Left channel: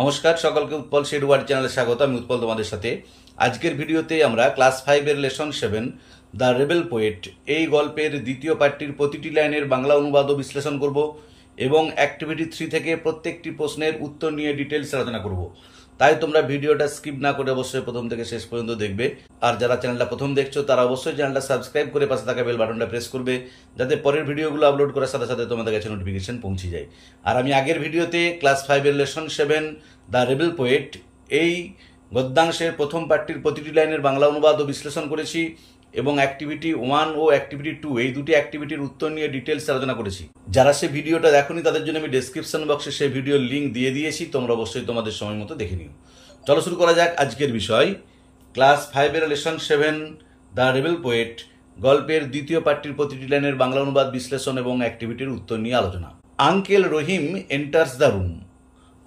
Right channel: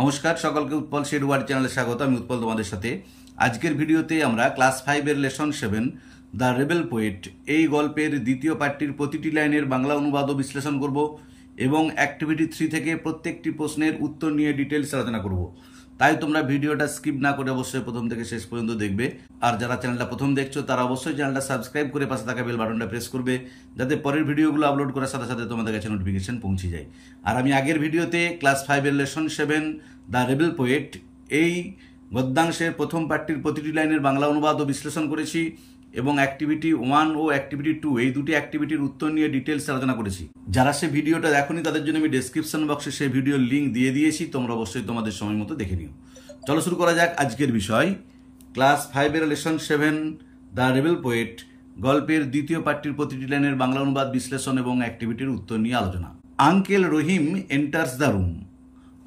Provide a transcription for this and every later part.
নমস্কার সকলকে উৎপল শেরওয়ার চ্যানেলে স্বাগত। আমি উৎপল তোমাদের সাথে। আজকের ভিডিওতে আমরা ক্লাস 5 এর লেসন 7 দ্য রেবেল পোয়েট এই গল্পের দ্বিতীয় পার্টটির প্রতিটি লাইনের বাংলা অনুবাদ ও বিশ্লেষণ করব এবং অ্যাক্টিভিটি 3 থেকে প্রত্যেকটি প্রশ্নের উত্তর নিয়ে ডিটেইলস আলোচনা করব। তাই তোমরা ভিডিওটা স্কিপ না করে অবশ্যই প্রথম থেকে শেষ পর্যন্ত দেখবে। আর যারা চ্যানেলটা প্রথম দেখছো তারা অবশ্যই চ্যানেলটা সাবস্ক্রাইব করে পাশে থাকা বেল বাটনটা প্রেস করবে, যাতে পরের ভিডিওগুলো আপলোড করার সাথে সাথে তোমাদের কাছে নোটিফিকেশন পৌঁছে যায়। আর আমি আগের ভিডিওতে ক্লাস 5 এর লেসন 7 দ্য রেবেল পোয়েট এই গদ্যাংশের প্রথম পার্টটির প্রতিটি লাইনের বাংলা অনুবাদ ও বিশ্লেষণ করেছি এবং অ্যাক্টিভিটি 1 ও অ্যাক্টিভিটি 2 এই দুটি অ্যাক্টিভিটির উত্তর নিয়ে ডিটেইলস আলোচনা করেছি। যারা সেই ভিডিওটা দেখোনি তাদের জন্য আমি ডেসক্রিপশন বক্সে সেই ভিডিওর লিঙ্ক দিয়ে দিয়েছি, তোমরা অবশ্যই তোমাদের সময় মতো দেখে নিও। চলো শুরু করা যাক আজকের বিষয়। ক্লাস 5 এর লেসন 7 দ্য রেবেল পোয়েট গল্পের দ্বিতীয় পার্টটির প্রতিটি লাইনের বাংলা অনুবাদ বিশ্লেষণ এবং অ্যাক্টিভিটির উত্তর নিয়ে আলোচনা। Uncle Rahim enters the room.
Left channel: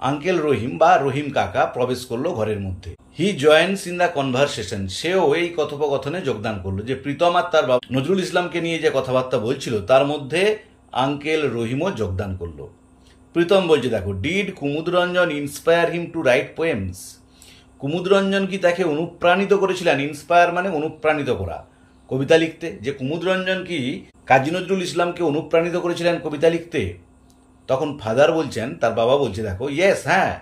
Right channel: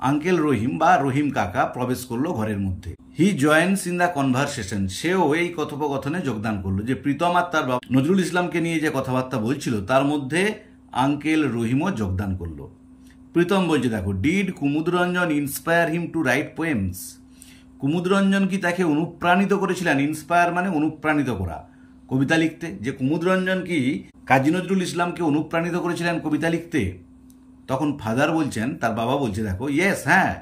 Uncle Rahim বা রহিম কাকা প্রবেশ করলো ঘরের মধ্যে। He joins in the conversation, সেও এই কথোপকথনে যোগদান করলো। যে প্রীতম আর তার বাবা নজরুল ইসলামকে নিয়ে যে কথাবার্তা বলছিল তার মধ্যে আঙ্কেল রহিমও যোগদান করলো। প্রীতম বলছে, দেখো, did Kumudranjan inspire him to write poems. Kumudranjan কি তাকে অনুপ্রাণিত করেছিলেন? ইন্সপায়ার মানে অনুপ্রাণিত করা, কবিতা লিখতে। যে কুমুদরঞ্জন কি কাজী নজরুল ইসলামকে অনুপ্রাণিত করেছিলেন কবিতা লিখতে? তখন ফাদার বলছেন, তার বাবা বলছে, দেখো, ইয়েস, হ্যাঁ,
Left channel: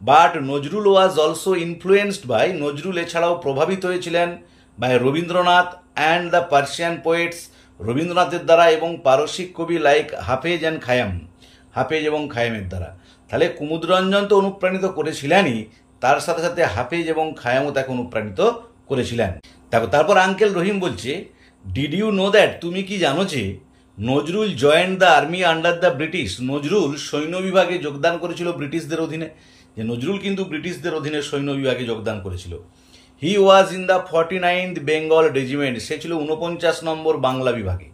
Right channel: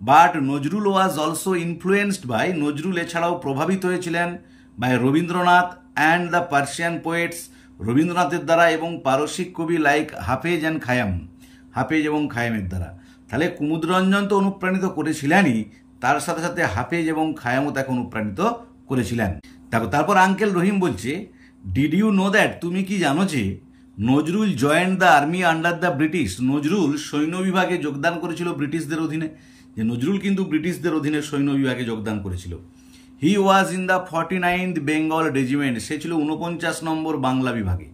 but Nazrul was also influenced by, Nazrul এছাড়াও প্রভাবিত হয়েছিলেন by Rabindranath and the Persian poets, রবীন্দ্রনাথের দ্বারা এবং পারসিক কবি লাইক হাফেজ অ্যান্ড খায়াম, হাফেজ এবং খায়ামের দ্বারা। তাহলে কুমুদরঞ্জন তো অনুপ্রাণিত করেছিলেনই, তার সাথে সাথে হাফেজ এবং খায়ামও তাকে অনুপ্রাণিত করেছিলেন। দেখো, তারপর আঙ্কেল রহিম বলছে, ডিড ইউ নো দ্যাট, তুমি কি জানো যে Nazrul joined the army under the British, Nazrul সৈন্য বিভাগে যোগদান করেছিল ব্রিটিশদের অধীনে। যে নজরুল কিন্তু ব্রিটিশদের অধীনে সৈন্য বিভাগে যোগদান করেছিল। He was in the 49th Bengal regiment, সে ছিল 49 নম্বর বাংলা বিভাগে।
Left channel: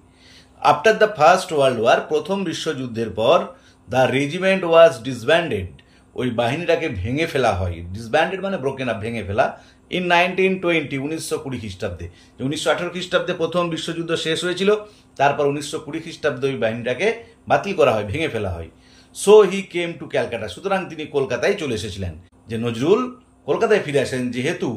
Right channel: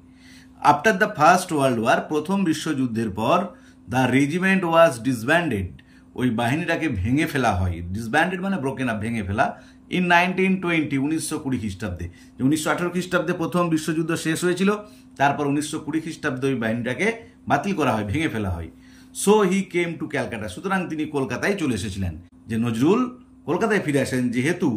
After the first world War, প্রথম বিশ্বযুদ্ধের পর, দ্য রেজিমেন্ট ওয়াজ ডিসব্যান্ডেড, ওই বাহিনীটাকে ভেঙে ফেলা হয়। ডিসব্যান্ডেড মানে ব্রোকেন আপ, ভেঙে ফেলা। ইন 1920, 1920 খ্রিস্টাব্দে। 1918 খ্রিস্টাব্দে প্রথম বিশ্বযুদ্ধ শেষ হয়েছিল, তারপর 1920 খ্রিস্টাব্দে ওই বাহিনীটাকে বাতিল করা হয়, ভেঙে ফেলা হয়। So he came to Calcutta, সুতরাং তিনি কলকাতায় চলে এসেছিলেন। যে নজরুল কলকাতায় ফিরে আসেন, যেহেতু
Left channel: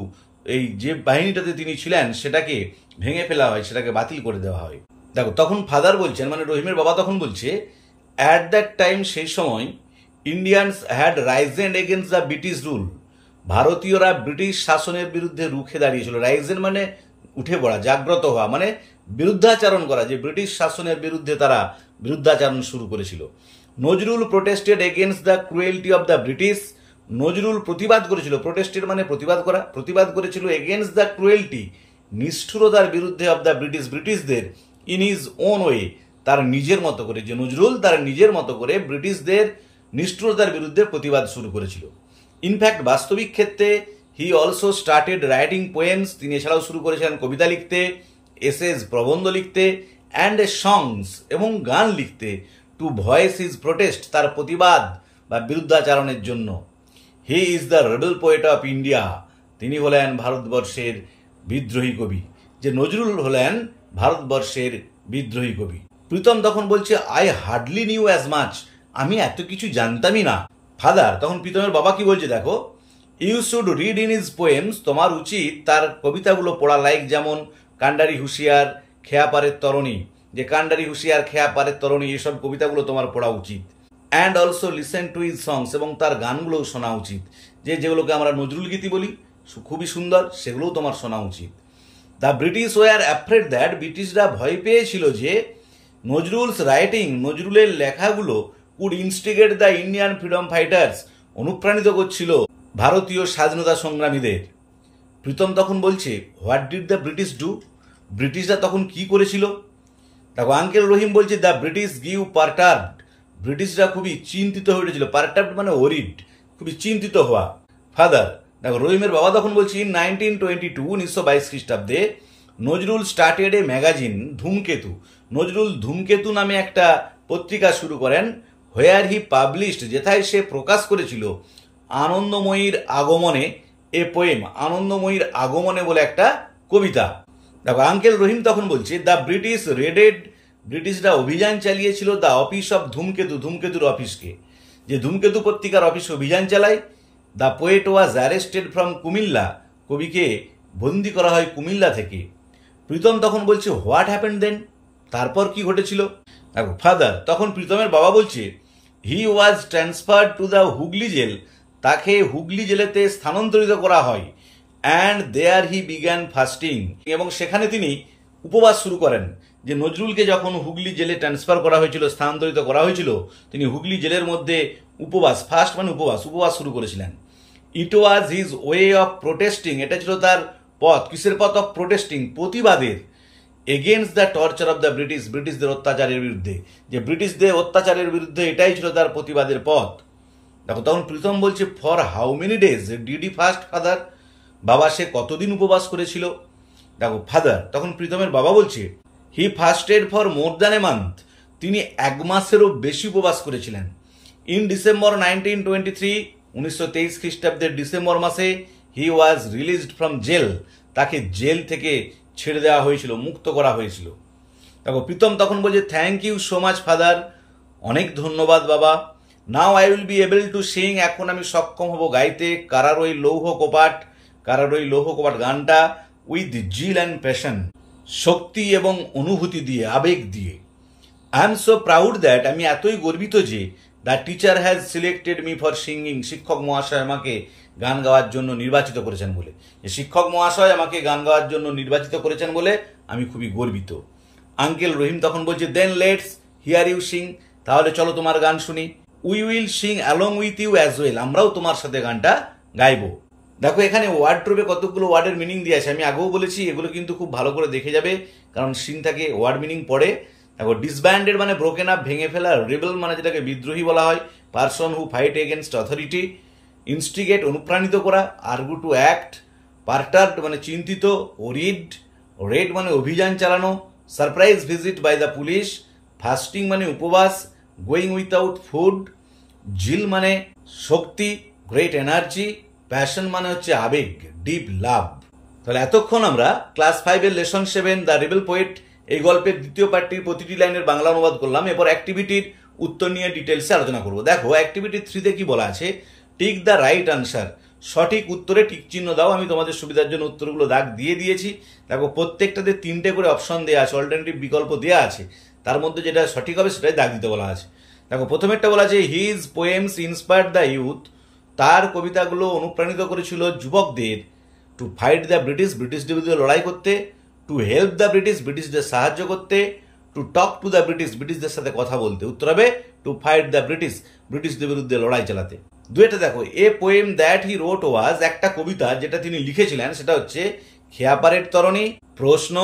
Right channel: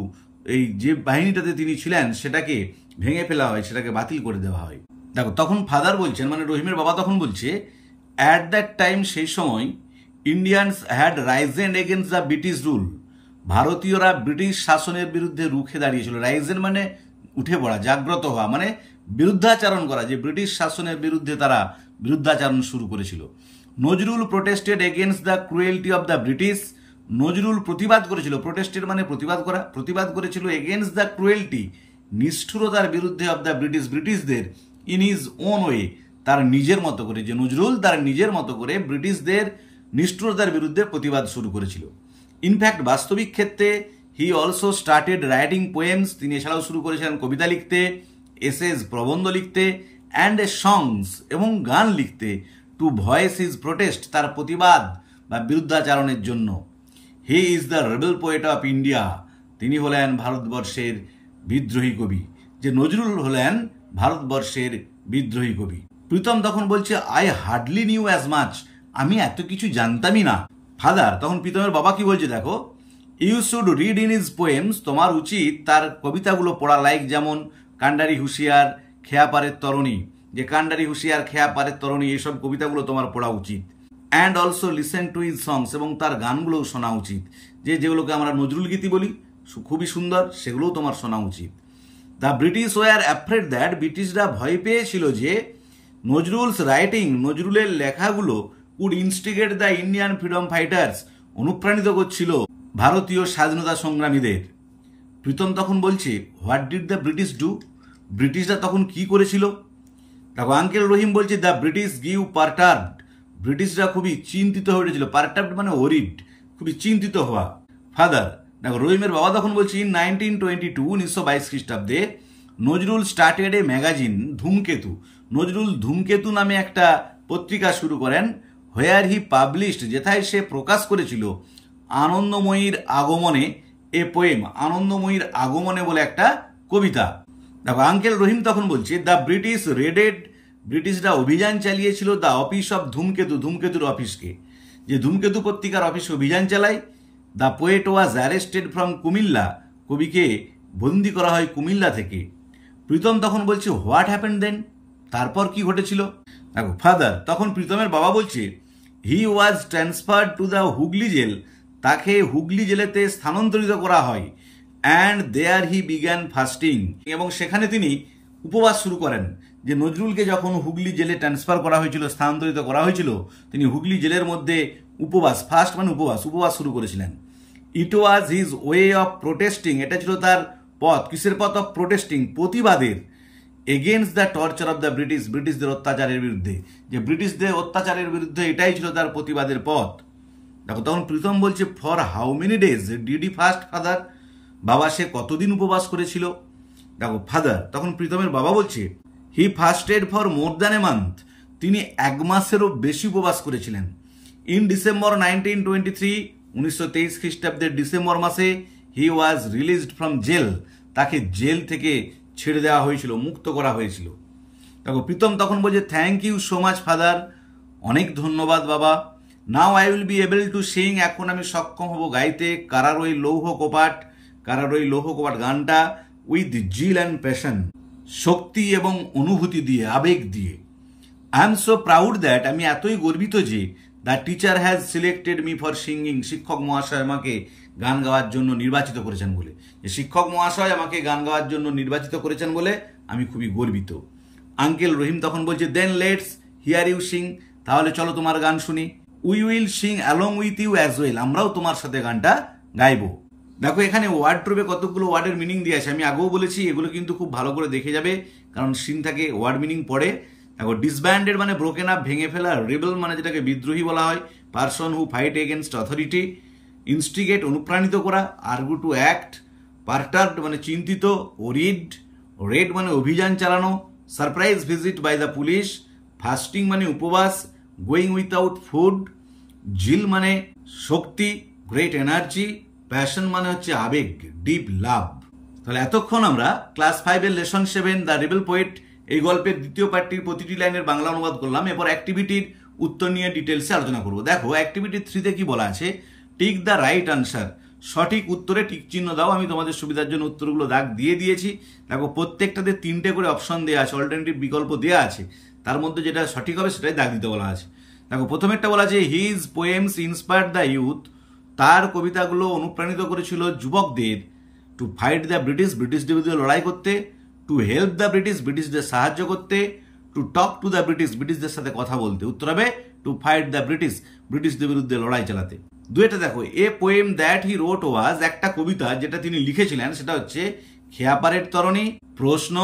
এই যে বাহিনীটাতে তিনি ছিলেন সেটাকে ভেঙে ফেলা হয়, সেটাকে বাতিল করে দেওয়া হয়। দেখো, তখন ফাদার বলছেন, মানে রহিমের বাবা তখন বলছে, অ্যাট দ্যাট টাইম, সেই সময়, Indians had Ryzen against the British rule, ভারতীয়রা ব্রিটিশ শাসনের বিরুদ্ধে রুখে দাঁড়িয়েছিল। রাইজেন মানে উঠে পড়া, জাগ্রত হওয়া, মানে বিরুদ্ধাচরণ করা, যে ব্রিটিশ শাসনের বিরুদ্ধে তারা বিরুদ্ধাচরণ শুরু করেছিল। Nazrul protested against the cruelty of the British, Nazrul প্রতিবাদ করেছিল, প্রোটেস্টেড মানে প্রতিবাদ করা, প্রতিবাদ করেছিল এগেনস্ট দ্য ক্রুয়েলটি, নিষ্ঠুরতার বিরুদ্ধে, অব দ্য ব্রিটিশ, ব্রিটিশদের, ইন হিজ ওন ওয়ে, তার নিজের মতো করে। যে নজরুল তার নিজের মতো করে ব্রিটিশদের নিষ্ঠুরতার বিরুদ্ধে প্রতিবাদ শুরু করেছিল। ইনফ্যাক্ট বাস্তবিক ক্ষেত্রে he also started writing poems, তিনি এছাড়াও শুরু করেছিলেন কবিতা লিখতে, এসেস প্রবন্ধ লিখতে, অ্যান্ড সংস এবং গান লিখতে, টু ভয়েস হিজ প্রোটেস্ট, তার প্রতিবাদ বা বিরুদ্ধাচারণের জন্য। He is the rebel poet of India, তিনি হলেন ভারতবর্ষের বিদ্রোহী কবি। যে নজরুল হলেন ভারতবর্ষের বিদ্রোহী কবি। প্রীতম তখন বলছে, I hardly new as much, আমি এত কিছু জানতামই না। ফাদার তখন প্রীতমের বাবা কি বলছে, দেখো, you should read in his poems, তোমার উচিত তার কবিতাগুলো পড়া, লাইক যেমন কান্ডারি হুঁশিয়ার, খেয়াপারের তরণী, যে কান্ডারি হুঁশিয়ার, খেয়াপারের তরণী, এইসব কবিতাগুলো তোমার পড়া উচিত। And also listen to his songs, এবং তার গানগুলোও শোনা উচিত, যেগুলোকে আমরা নজরুল গীতি বলি, খুবই সুন্দর, সেগুলোও তোমার শোনা উচিত। The British were afraid that, ব্রিটিশরা ভয় পেয়েছিল যে নজরুলস রাইটিং, নজরুলের লেখাগুলো would instigate the Indian freedom fighters, অনুপ্রাণিত করছিল ভারতীয় স্বাধীনতা সংগ্রামীদের। প্রীতম তখন বলছে, what did the British do, ব্রিটিশরা তখন কি করেছিল? দেখো, আঙ্কেল রহিম বলছে, দ্য ব্রিটিশ গিভ পারটার্বড, ব্রিটিশরা খুবই চিন্তিত হয়ে উঠেছিল। পারটার্বড মানে ওরিড, খুবই চিন্তিত হওয়া। ফাদার, দেখো, রহিমের বাবা তখন বলছে, ইন 1922, 1922 খ্রিস্টাব্দে, নজরুল স্টার্টেড এ ম্যাগাজিন, ধূমকেতু, নজরুল ধূমকেতু নামে একটা পত্রিকা শুরু করেন, হোয়ার হি পাবলিশড, যেথায় সে প্রকাশ করেছিল আনন্দময়ীর আগমনে এ পোয়েম, আনন্দময়ীর আগমনে বলে একটা কবিতা। দেখো, আঙ্কেল রহিম তখন বলছে, দ্য ব্রিটিশ রেডেড, ব্রিটিশরা অভিযান চালিয়েছিল দ্য অফিস অফ ধূমকেতু, ধূমকেতুর অফিসকে। যে ধূমকেতু পত্রিকার অফিসে অভিযান চালায়, the poet was arrested from Comilla, কবিকে বন্দি করা হয় কুমিল্লা থেকে। প্রীতম তখন বলছে হোয়াট হ্যাপেন্ড দেন, তারপর কি ঘটেছিল। দেখো ফাদার, তখন প্রীতমের বাবা বলছে he was transferred to the Hooghly jail, তাকে হুগলি জেলেতে স্থানান্তরিত করা হয়। And there he began fasting, এবং সেখানে তিনি উপবাস শুরু করেন। যে নজরুলকে যখন হুগলি জেলে ট্রান্সফার করা হয়েছিল, স্থানান্তরিত করা হয়েছিল, তিনি হুগলি জেলের মধ্যে উপবাস, ফাস্ট মানে উপবাস শুরু করেছিলেন। It was his way of protesting, এটা ছিল তার পথ, কিসের পথ? অফ প্রোটেস্টিং, প্রতিবাদের। Against the torture of the British, ব্রিটিশদের অত্যাচারের বিরুদ্ধে, যে ব্রিটিশদের অত্যাচারের বিরুদ্ধে এটাই ছিল তার প্রতিবাদের পথ। দেখো তখন প্রীতম বলছে for how many days did he fast father, বাবা সে কতদিন উপবাস করেছিল। দেখো ফাদার, তখন প্রীতমের বাবা বলছে he fasted for more than a month, তিনি 1 মাসেরও বেশি উপবাস করেছিলেন। ইন ডিসেম্বর 1923, 1923 খ্রিস্টাব্দের ডিসেম্বর মাসে হি ওয়াজ রিলিজড ফ্রম জেল, তাকে জেল থেকে ছেড়ে দেওয়া হয়েছিল, মুক্ত করা হয়েছিল। দেখো প্রীতম তখন বলছে thank you so much father, অনেক ধন্যবাদ বাবা। Now I will be able to sing, এখন আমি সক্ষম হব গাইতে কারারই লৌহ কপাট, কারারই লৌহ কপাট গানটা উইথ জিল অ্যান্ড প্যাশন, শক্তি এবং অনুভূতি দিয়ে, আবেগ দিয়ে। I am so proud that, আমি এতই গর্বিত যে the teacher has selected me for singing, শিক্ষক মহাশয় আমাকে গান গাওয়ার জন্য নির্বাচিত করেছেন বলে, যে শিক্ষক মহাশয় আমাকে গান গাওয়ার জন্য নির্বাচিত করেছেন বলে আমি খুবই গর্বিত। আঙ্কেল রহিম তখন বলছে then let's hear you sing, তাহলে চলো তোমার গান শুনি। We will sing along with you as well, আমরাও তোমার সাথে গানটা গাইবো। দেখো এখানে ওয়ার্ডরোবে কতগুলো ওয়ার্ডের মিনিং দিয়ে আছে, আমি আগেও বলেছি, এগুলো কিন্তু খুব ভালো করে দেখে যাবে, কারণ সিন থাকে ওয়ার্ড মিনিং পড়ে। দেখো ডিসব্যান্ডেড মানে ব্রোকেন আপ, ভেঙে ফেলা। রেবেল মানে যেটাকে বিদ্রোহী বলা হয়, person who fight against authority. Instigate অনুপ্রাণিত করা। Argue to act. পার্টার্ড মানে চিন্তিত। ওরিড, রেড মানে অভিযান চালানো। Surprise visit by the police. Fasting মানে উপবাস। Going without food. জিল মানে শক্তি, গ্রেট এনার্জি। প্যাশন মানে হচ্ছে আবেগ, ডিপ লাভ। তাহলে এতক্ষণ আমরা class 5 lesson 7 the rebel poet এই গল্পের দ্বিতীয় পার্টটির প্রতিটি লাইনের বাংলা অনুবাদ করলাম। এরপর অ্যাক্টিভিটির উত্তর নিয়ে ডিটেলসে আলোচনা করব। দেখো অ্যাক্টিভিটি 3-তে কি বলা আছে, টিক দ্য রাইট আনসার, সঠিক উত্তরে টিক চিহ্ন দাও। আমি তোমাদের সুবিধার জন্য উত্তরগুলো দাগ দিয়ে দিয়েছি। দেখো প্রত্যেকটাতে 3টে করে অপশন দেওয়া আছে, অল্টারনেটিভ বিকল্প দেওয়া আছে, তার মধ্যে যেটা সঠিক হবে সেটাই দাগ দিতে বলা আছে। দেখো প্রথমেরটা বলা আছে his poems inspired the youth, তার কবিতাগুলো অনুপ্রাণিত করেছিল যুবকদের। টু ফাইট দ্য ব্রিটিশ, ব্রিটিশদের বিরুদ্ধে লড়াই করতে। টু হেল্প দ্য ব্রিটিশ, ব্রিটিশদের সাহায্য করতে। To talk to the British, ব্রিটিশদের সাথে কথা বলতে। উত্তর হবে টু ফাইট দ্য ব্রিটিশ, ব্রিটিশদের বিরুদ্ধে লড়াই চালাতে। দুইটা দেখো এ পোয়েম দ্যাট হি রোট ওয়াজ, একটা কবিতা যেটা তিনি লিখেছিলেন সেটা হচ্ছে খেয়াপাড়ের তরণী। প্রশ্ন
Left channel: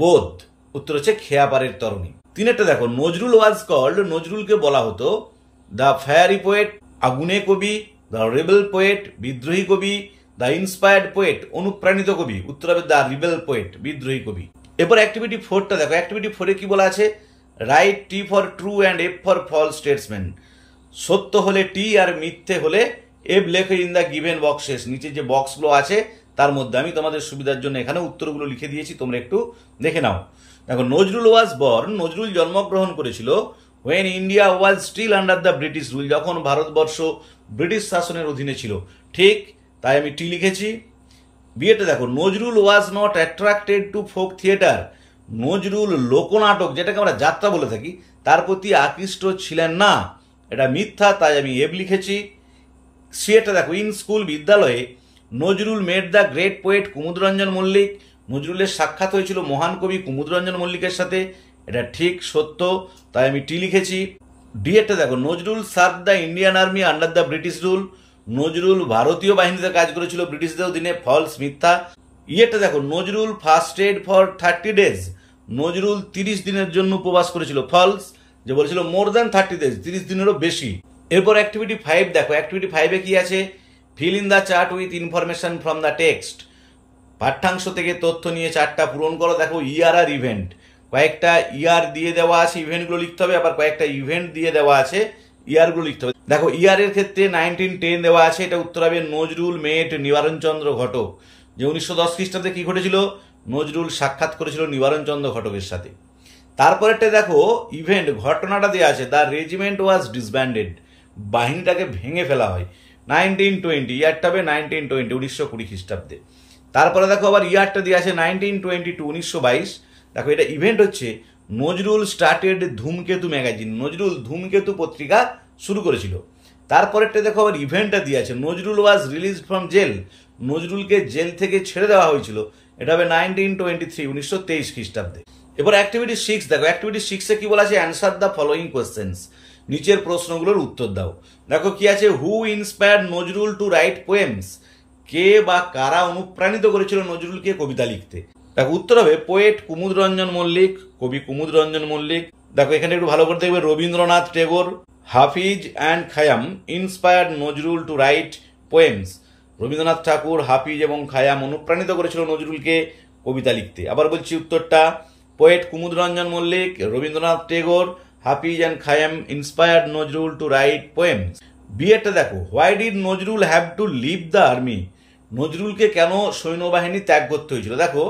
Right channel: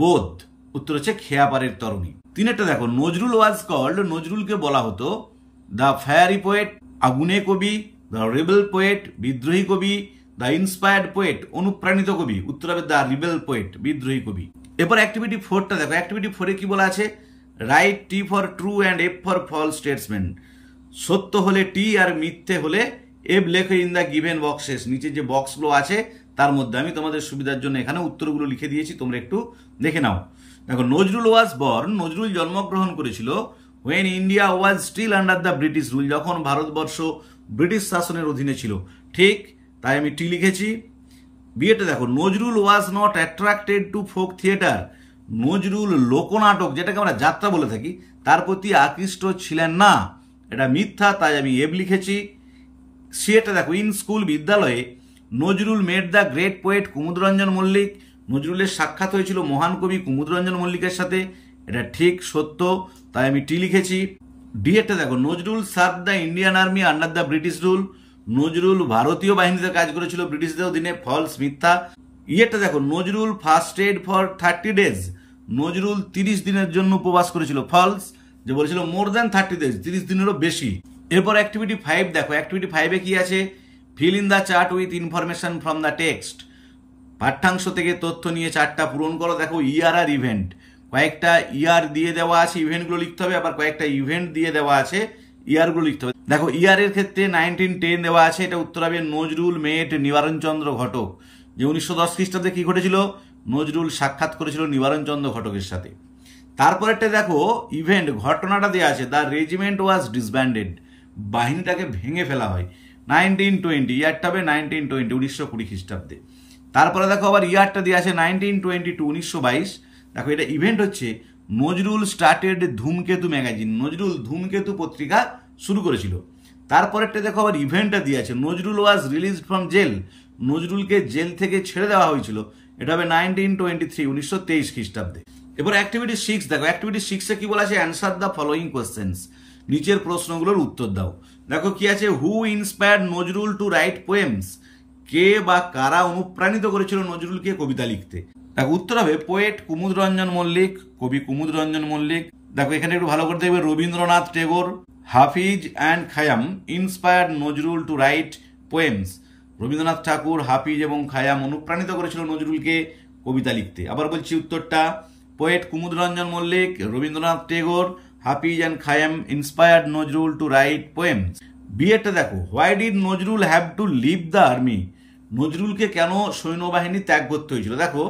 বোধ, উত্তর হচ্ছে খেয়াপাড়ের তরণী। 3-টা দেখো নজরুল ওয়াজ কল্ড, নজরুলকে বলা হতো দ্য ফায়ারি পোয়েট, আগুনে কবি। দ্য রেবেল পোয়েট, বিদ্রোহী কবি। দ্য ইন্সপায়ার্ড পোয়েট, অনুপ্রাণিত কবি। উত্তর হবে দ্য রিবেল পোয়েট, বিদ্রোহী কবি। এরপর অ্যাক্টিভিটি 4টা দেখো, অ্যাক্টিভিটি 4-এ কি বলা আছে, write T for true and F for false statements, সত্য হলে টি আর মিথ্যে হলে এফ লেখো ইন দ্য গিভেন বক্সেস, নিচে যে বক্সগুলো আছে তার মধ্যে। আমি তোমাদের সুবিধার জন্য এখানে উত্তরগুলো লিখে দিয়েছি, তোমরা একটু দেখে নাও। দেখো নজরুল ওয়াজ বর্ন, নজরুল জন্মগ্রহণ করেছিল when India was still under the British rule, যখন ভারতবর্ষ ব্রিটিশ শাসনের অধীনে ছিল। ঠিক, তাই আমি টি লিখেছি। বিয়েটা দেখো Nazrul was not attracted to folk theatre, Nazrul লোকনাটক যেটাকে আমরা যাত্রা বলে থাকি তার প্রতি আকৃষ্ট ছিলেন না, এটা মিথ্যা, তাই আমি এব লিখেছি। সিয়েটা দেখো ইন স্কুল, বিদ্যালয়ে Nazrul made the great poet Kumudranjan Mallick, নজরুলের সাক্ষাৎ হয়েছিল মহান কবি কুমুদরঞ্জন মল্লিকের সাথে, এটা ঠিক সত্য, তাই আমি টি লিখেছি। ডিএটা দেখো Nazrul serve the Indian army under the British rule, Nazrul ভারতীয় বাহিনীতে কাজ করেছিল ব্রিটিশদের অধীনে, ফলস মিথ্যা। ইয়েটা দেখো নজরুল ফাস্টেড ফর 30 days, নজরুল 30 দিনের জন্য উপবাস করেছিল, ফলস, যে বলেছিল মোর দ্যান 30 days, 30 দিনেরও বেশি। এরপর অ্যাক্টিভিটি 5 দেখো, অ্যাক্টিভিটি 5-এ কি আছে, fill in the chart with information from the text, পাঠ্যাংশ থেকে তথ্য নিয়ে চার্টটা পূরণ করো। দেখো ইয়ার আর ইভেন্ট, কয়েকটা ইয়ার দিয়ে দেওয়া আছে, ইভেন্টগুলো লিখতে হবে, আবার কয়েকটা ইভেন্ট দিয়ে দেওয়া আছে, ইয়ারগুলো লিখতে হবে। দেখো ইয়ারের ক্ষেত্রে 1910 দেওয়া আছে, এটা উত্তর হবে নজরুল মেট নিবারণচন্দ্র ঘটক, যে 1910 খ্রিস্টাব্দে কি ঘটেছিল, নজরুল সাক্ষাৎ করেছিল নিবারণচন্দ্র ঘটকের সাথে। তারপরেরটা দেখো ইভেন্ট, ঘটনাটা দেওয়া আছে দ্য রেজিমেন্ট ওয়াজ ডিসব্যান্ডেড, বাহিনীটাকে ভেঙে ফেলা হয়। 1920, ইয়ারটা হবে 1920, 1920 খ্রিস্টাব্দে। তারপরে দেখো আবার ইয়ারটা দিয়ে আছে 1922, 1922। দেখো এটা ইভেন্ট হচ্ছে নজরুল স্টার্টেড ধূমকেতু ম্যাগাজিন, নজরুল ধূমকেতু পত্রিকা শুরু করেছিল। তারপরেরটা দেখো আবার ইভেন্টটা দিয়ে আছে Nazrul was released from jail, নজরুলকে জেল থেকে ছেড়ে দেওয়া হয়েছিল, এটা হবে 1923, 1923 খ্রিস্টাব্দে। এবার অ্যাক্টিভিটি 6 দেখো, অ্যাক্টিভিটি 6-এ কি বলা আছে, অ্যান্সার দ্য ফলোইং কোয়েশ্চেন্স, নিচের প্রশ্নগুলোর উত্তর দাও। দেখো কি আছে, who inspired Nazrul to write poems, কে বা কারা অনুপ্রাণিত করেছিল নজরুলকে কবিতা লিখতে। দেখো উত্তর হবে পোয়েট কুমুদ রঞ্জন মল্লিক, কবি কুমুদ রঞ্জন মল্লিক। দেখো এখানে একটু ভালো করে দেখবে, Rabindranath Tagore, Hafiz and Khayyam inspired Nazrul to write poems, Rabindranath Thakur, Hafiz এবং খায়াম অনুপ্রাণিত করেছিল নজরুলকে কবিতা লিখতে। আবার বলছি উত্তরটা, poet Kumud Ranjan Mallick, Rabindranath Tagore, Hafiz and Khayyam inspired Nazrul to write poems. বিয়েটা দেখো, why did Nazrul have to leave the army, নজরুলকে কেন সৈন্যবাহিনী ত্যাগ করতে হয়েছিল। দেখো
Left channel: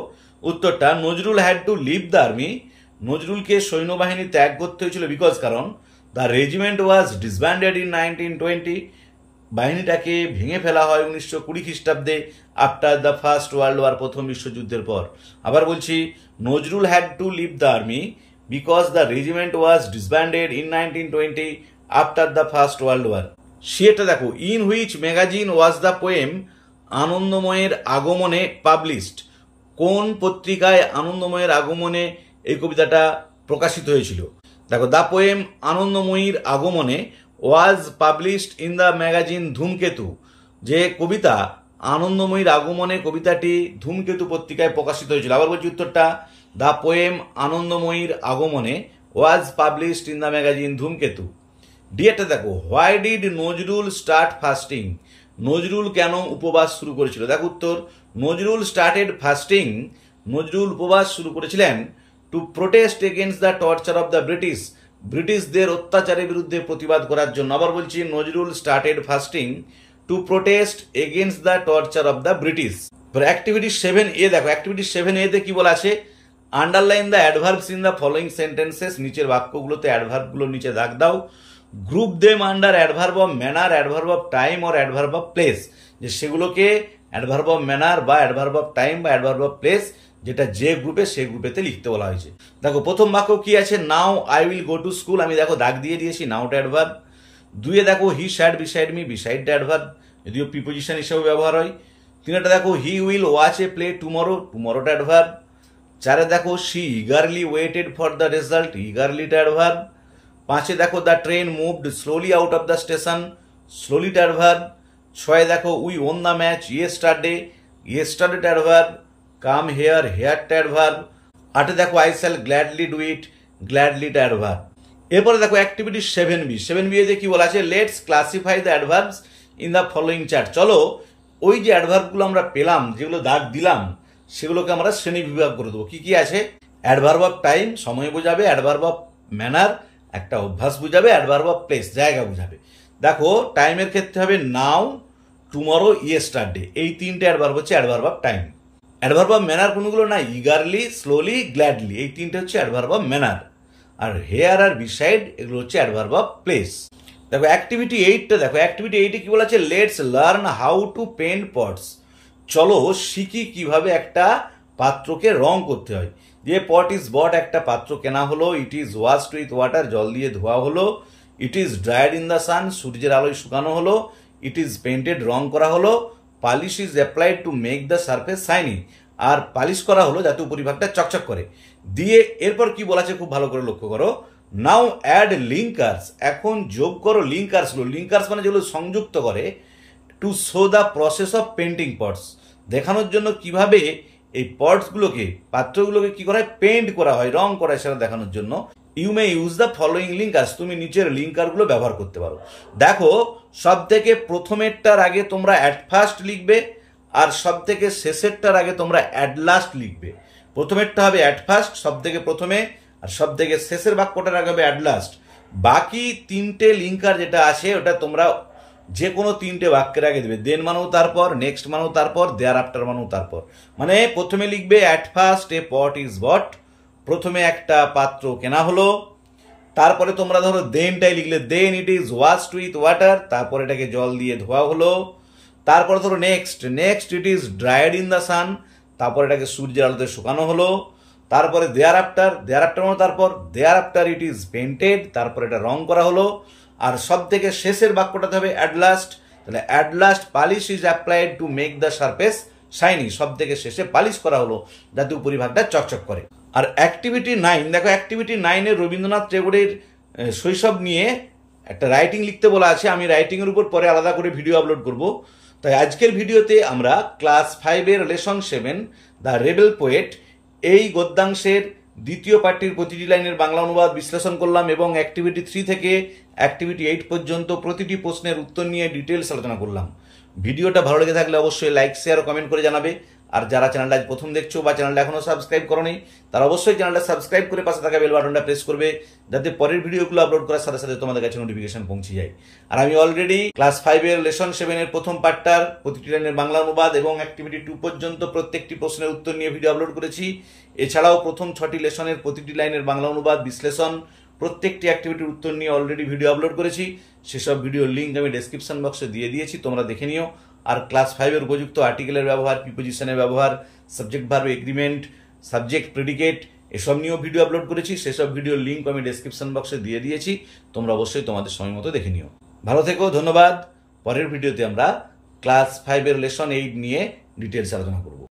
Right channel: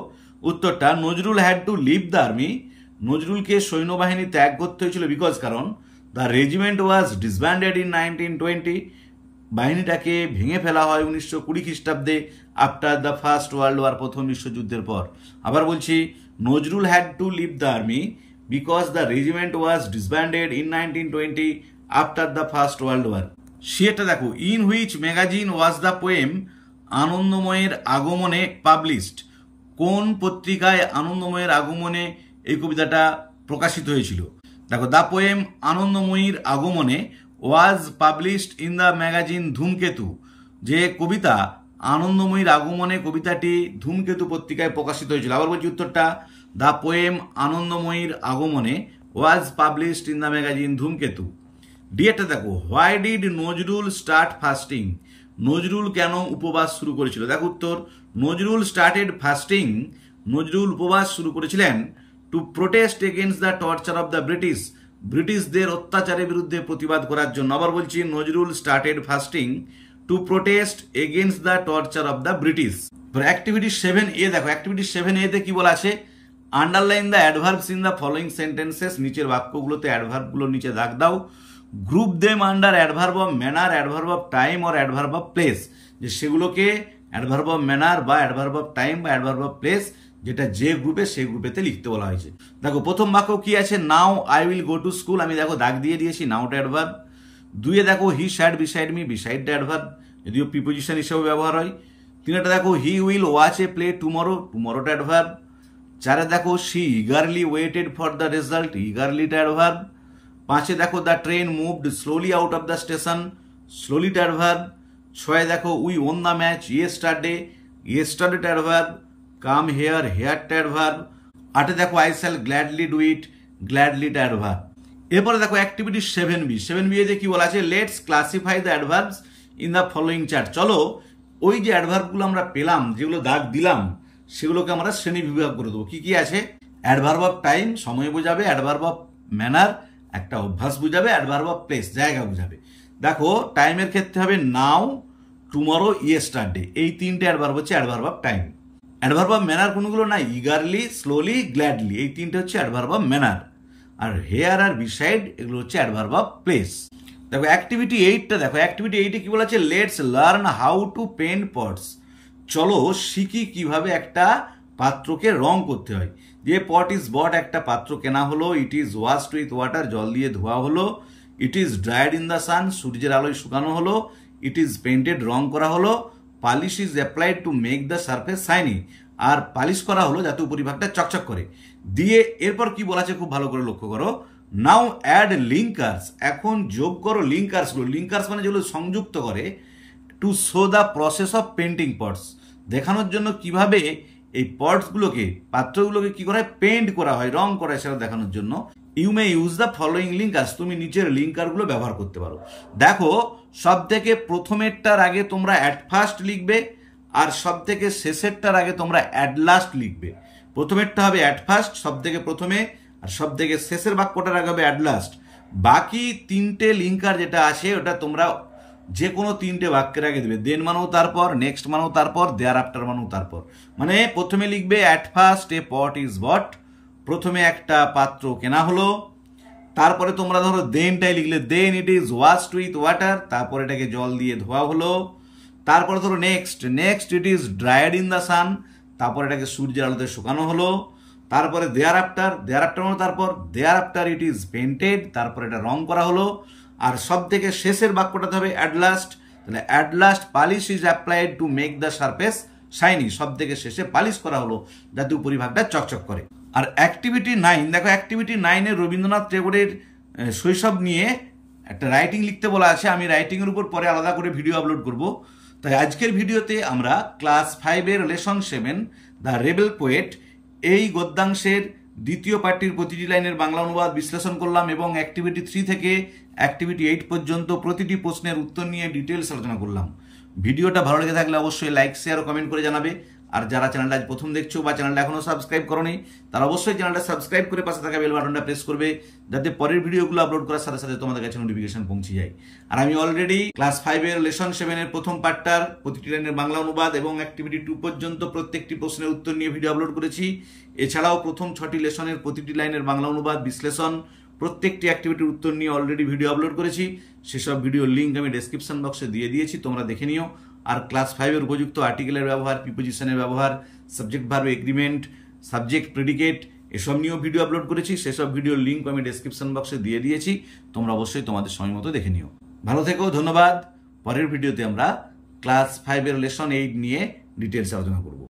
উত্তরটা, Nazrul had to leave the army, নজরুলকে সৈন্যবাহিনী ত্যাগ করতে হয়েছিল বিকজ কারণ the regiment was disbanded in 1920, বাহিনীটাকে ভেঙে ফেলা হয় 1920 খ্রিস্টাব্দে after the first world War, প্রথম বিশ্বযুদ্ধের পর। আবার বলছি, Nazrul had to leave the army because the regiment was disbanded in 1920 after the first world war. সেটা দেখো, in which magazine was the poem আনন্দময়ের আগমনে পাবলিশড, কোন পত্রিকায় আনন্দময়ের আগমনে এই কবিতাটা প্রকাশিত হয়েছিল। দেখো, দ্য পোয়েম আনন্দময়ীর আগমনে was published in the magazine ধূমকেতু, যে কবিতা আনন্দময়ীর আগমনে কবিতাটি ধূমকেতু পত্রিকায় প্রকাশিত হয়েছিল। আবার বলছি উত্তরটা, দ্য পোয়েম আনন্দময়ীর আগমনে was published in the magazine ধূমকেতু। ডিএটা দেখো, why did Nazrul start fasting, Nazrul কেন উপবাস শুরু করেছিল। দেখো উত্তর, নজরুল স্টার্টেড ফাস্টিং, নজরুল উপবাস শুরু করেছিলেন two protest against the torture of the British, ব্রিটিশদের অত্যাচারের বিরুদ্ধে প্রতিবাদ করার জন্য। আবার বলছি, Nazrul started fasting two protest against the torture of the British. Activity 7A দেখো, অ্যাক্টিভিটি 7A তে কি বলা আছে, underline the adverbs in the following sentences, নিচের বাক্যগুলোতে অ্যাডভার্বগুলো নিচে দাগ দাও। Group them under adverb of manner, adverb of time or adverb of place, যে সেগুলোকে অ্যাডভার্ব অফ ম্যানার বা অ্যাডভার্ব অফ টাইম বা অ্যাডভার্ব অফ প্লেস, যেটা যে গ্রুপে সেই গ্রুপেতে লিখতে বলা হয়েছে। দেখো প্রথম বাক্য কি আছে, now I will go to school, আমি দেখো দাগ দিয়ে দিয়েছি, নাওটা অ্যাডভার্ব। 2 দেখো, হি স্যাট বিসাইড মি, বিসাইডটা অ্যাডভার্ব, যদিও প্রিপোজিশন হিসেবে ব্যবহার হয়। 3 দেখো, he will watch a play tomorrow, টুমরোটা অ্যাডভার্ব। 4 দেখো, she eagerly waited for the result, ইগারলিটা অ্যাডভার্ব। 5 দেখো, the train moved slowly out of the station, স্লোলিটা অ্যাডভার্ব। 6 দেখো, we won the match yesterday, ইয়েস্টারডেটা adverb. Come here, হেয়ারটা adverb. 8 দেখো, I shall gladly do it, গ্ল্যাডলিটা adverb. এরপরে দেখো activity 7B তে কি বলা আছে, let's classify the adverbs in the following chart. চলো ওই যে অ্যাডভার্বগুলো আমরা পেলাম, যেগুলো দাগ দিলাম, সেগুলোকে আমরা শ্রেণী বিভাগ করে দেবো। কি কি আছে, অ্যাডভার্ব অফ টাইম সময় বোঝাবে, অ্যাডভার্ব অফ ম্যানার একটা অভ্যাস বুঝাবে, অ্যাডভার্ব অফ প্লেস জায়গা বুঝাবে। দেখো টাইমের ক্ষেত্রে হবে নাও, টুমরো, ইয়েস্টারডে, এই 3টে অ্যাডভার্ব হচ্ছে adverb of time. Adverb of manner কোনগুলো না, ইগারলি, স্লোলি, গ্ল্যাডলি, এই 3টে হচ্ছে অ্যাডভার্ব অফ ম্যানার। আর হেয়ার আর বিসাইড এগুলো হচ্ছে অ্যাডভার্ব অফ প্লেস। দেখো অ্যাক্টিভিটি 8টা দেখো, অ্যাক্টিভিটি 8-এ কি বলা আছে, let's learn how to paint pots, চলো শিখি কিভাবে একটা পাত্রকে রং করতে হয়। যে পট ইজ বট, একটা পাত্র কেনা হলো, ইট ইজ ওয়াশড উইথ ওয়াটার, জল দিয়ে ধোয়া হলো, ইট ইজ ড্রাইড ইন দ্য সান, সূর্যের আলোয় শুকানো হলো, ইট ইজ পেন্টেড, রং করা হলো, polish is applied to make the surface shiny, আর পালিশ করা হলো যাতে উপরিভাগটা চকচক করে। দিয়ে এরপর কি বলা আছে খুব ভালো করে লক্ষ্য করো, নাও অ্যাড লিঙ্কার্স, এখন যোগ করো লিঙ্কার্স গুলো, লিঙ্কার্স মানে যেগুলো সংযুক্ত করে, to show the process of painting pots, দেখানোর জন্য কিভাবে এই পটস গুলোকে, পাত্রগুলোকে কি করা হয়, পেন্ট করা হয়, রং করা হয়, সেটা দেখানোর জন্য you may use the following linkers, তুমি নিচের লিঙ্কার গুলো ব্যবহার করতে পারো। দেখো সব থেকে প্রথমেরটার আগে তোমরা অ্যাট ফার্স্ট লিখবে, আর সব থেকে শেষেরটার আগে তোমরা অ্যাট লাস্ট লিখবে। প্রথমেরটা হবে অ্যাট ফার্স্ট, সব থেকে প্রথমে, আর সব থেকে শেষের বাক্যটার আগে হবে অ্যাট লাস্ট। বাকি 3টে লিঙ্কার যেটা আছে ওটা তোমরা যে কোনো 3টে বাক্যের আগে দেবে, দেন মানেও তারপর, নেক্সট মানেও তারপর, দেয়ার আফটার মানেও তারপর। মানে প্রথমে লিখবে at first a pot is bought, প্রথমে একটা পাত্র কেনা হলো, তারপরে তোমরা ধরো দেনটাই লিখলে, then it is washed with water, তারপর এটাকে জল দিয়ে ধোয়া হলো। তারপরে ধরো next it is dried in the sun, তারপর এটাকে সূর্যের আলোতে শুকানো হলো। তারপরে দেয়ার আফটার মানে তারপর thereafter it is painted, তারপর এটা রং করা হলো। আর সব থেকে শেষের বাক্যটাতে হবে অ্যাট লাস্ট, তাহলে at last polish is applied to make the surface shiny, সব থেকে শেষে পালিশ করা হলো যাতে উপরিভাগটা চকচক করে। আর অ্যাক্টিভিটি 9, দেখো অ্যাক্টিভিটি 9 এ রবীন্দ্রনাথ টেগোরের শৈশব নিয়ে একটা রাইটিং লিখতে বলা আছে। আমি রাইটিং এর উপর পরে আলাদা করে ভিডিও আপলোড করব। তাই আজকের ভিডিওতে আমরা ক্লাস 5 এর লেসন 7 দ্য রেবেল পোয়েট এই গদ্যাংশের দ্বিতীয় পাঠটির প্রতিটি লাইনের বাংলা অনুবাদ বিশ্লেষণ করলাম এবং অ্যাক্টিভিটি 3 থেকে অ্যাক্টিভিটি 8 পর্যন্ত প্রতিটি প্রশ্নের উত্তর নিয়ে ডিটেলস আলোচনা করলাম। ভিডিওটা ভালো লেগে থাকলে অবশ্যই লাইক, শেয়ার ও কমেন্ট করে জানাবে। আর যারা চ্যানেলটা আজ প্রথম দেখছো বা চ্যানেলটা এখনো সাবস্ক্রাইব করোনি, তারা অবশ্যই চ্যানেলটা সাবস্ক্রাইব করে পাশে থাকা বেল বাটনটা প্রেস করবে, যাতে পরের ভিডিওগুলো আপলোড করার সাথে সাথে তোমাদের কাছে নোটিফিকেশন পৌঁছে যায়। আর আমি অলরেডি ক্লাস 5 এর লেসন 7 এর প্রথম পার্টটার প্রতিটি লাইনের বাংলা অনুবাদ এবং অ্যাক্টিভিটি 2 পর্যন্ত প্রত্যেকটি প্রশ্নের উত্তর নিয়ে ভিডিও আপলোড করেছি। এছাড়াও প্রথম 6টি লেসনের প্রতিটি লাইনের বাংলা অনুবাদ বিশ্লেষণ, প্রত্যেকটি অ্যাক্টিভিটির উত্তর নিয়ে অলরেডি ভিডিও আপলোড করেছি। সেসব ভিডিওর লিঙ্ক আমি ডেসক্রিপশন বক্সে দিয়ে দিয়েছি, তোমরা দেখে নিও। আর ক্লাস 5 এর উপযুক্ত আর্টিকেলের ব্যবহার, প্রিপোজিশনের ব্যবহার, subject verb agreement, subject predicate এসব নিয়েও ভিডিও আপলোড করেছি। সেসব ভিডিওর লিঙ্ক আমি ডেসক্রিপশন বক্সে দিয়ে দিয়েছি, তোমরা অবশ্যই তোমাদের সময় মতো দেখে নিও। ভালো থেকো, ধন্যবাদ। পরের ভিডিওতে আমরা ক্লাস 5 এর লেসন 8 নিয়ে ডিটেলস আলোচনা করব।